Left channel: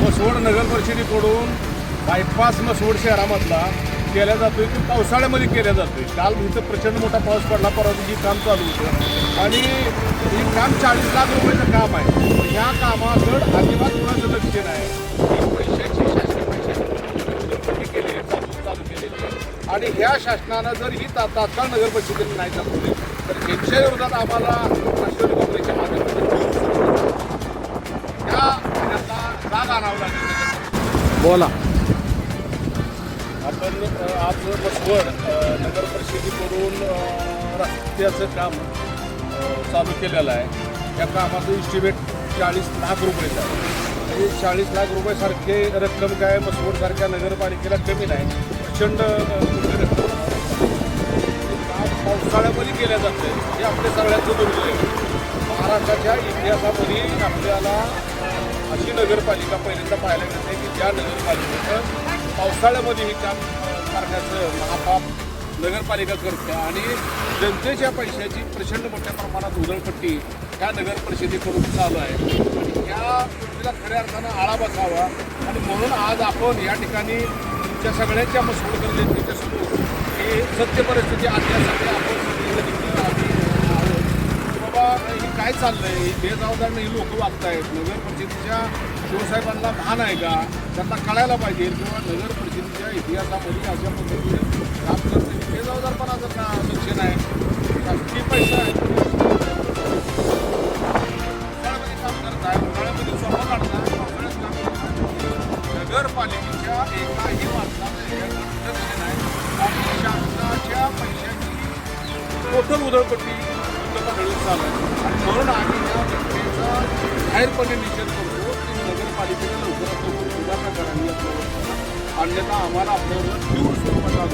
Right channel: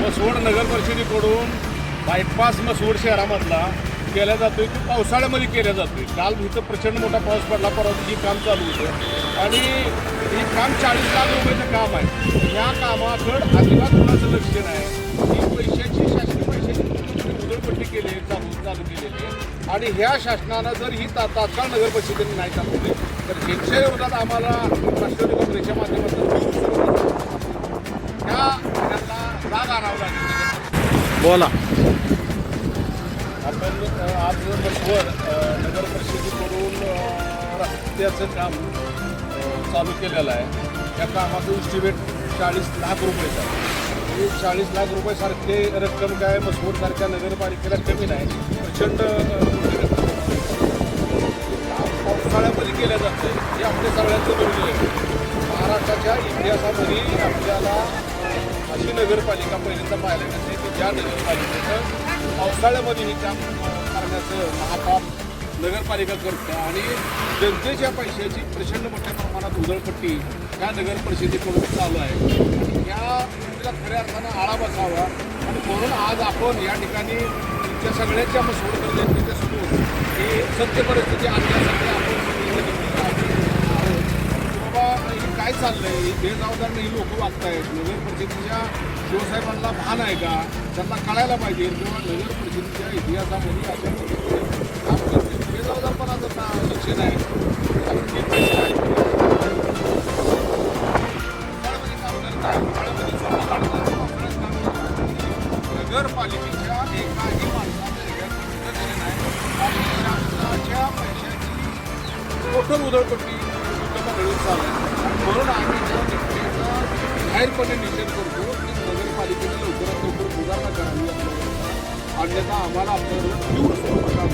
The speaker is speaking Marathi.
मसवड नगर परिषदेकडून बायपास मसवड शहरामधला केला जातोय की पावसाळ्यामध्ये केला जातोय. काल इथं प्रचंड मोठा पाऊस पडला, परवा दिवशी काम चालू होतं आणि हे काम 40 लाख रुपयाचं काम आहे. ह्या कामाकडं अजिबात कुणाचं लक्ष नाही. ही पैशाची शासकीय पैशाची उधळपट्टी केली चालू केलेली आहे आणि ह्या शासनानं जर ही तात्काळ नगर परिषदेने नाही चालवली तर यांच्या विरोधात आम्हाला राष्ट्रवादी काँग्रेसच्या माध्यमातून ह्या जाग आणावं लागेल. बोला. आपण आज मसवड नगर परिषदेकडून रस्त्याचं काम चालू केलेलं आहे. या कामाचं इस्टिमेट 40 लाख रुपयेचं आहे. म्हणजे 40 लाख रुपयासारखे रक्कम काय मसवडसारख्या नगरपालिकेला कमी नाही, प्रचंड मोठी रक्कम. हे काम पावसाळ्यामध्ये केलं जातं आहे हे आपल्या सगळ्यांचं दुर्दैव आहे. महाराष्ट्राच्या इतिहासामध्ये आपल्याला अशी नगरपालिका पहिल्यांदा पाहायला मिळते की ज्या नगरपालिकेचं पावसाळ्यामध्ये हे काम करण्याचं महापाप नगरपालिका करते आणि जनतेच्या पैशाची प्रचंड मोठ्या प्रमाणात उधळपट्टी ह्या नगर परिषदेकडून चालू आहे. या गोष्टीला खऱ्या अर्थानं आळा बसावा आणि म्हणून आज आपण या ठिकाणी तुमच्या सगळ्यांच्या मसवडकर जनतेच्या समोर ही सत्य परिस्थिती आणण्यासाठी आपण आहोत की बाबा हे काय चाललंय, ही बेजबाबदार ही लोक वागतायत. नगर परिषदेच्या शिवसाहेबांना भान आहे का, त्यांना कळायला पाहिजे किंवा नगर परिषदेच्या इतिहासामध्ये अशा पद्धतीने आपलं बेजबाबदारपणाचं का शिक्षण आहे. किती पैसे आहेत उन्हाळ्यामध्ये काम करत आहे, उन्हाळ्यामध्ये स्वतः काढतात, पावसाळ्यात काम करतात. नगरपालिकेच्या एकाही माणसाचं हे नाही आणि शासनाच्या पैशाची टोटल उधळपट्टी चालू आहे. आणि म्हणून आम्ही या घटनेचा जाहीरपणे निषेध करतो की नगरपालिकेने लवकरात लवकर सुधारणा करावी आपल्यावर, अन्यथा आम्हाला आपल्यावर तीव्र स्वरूपात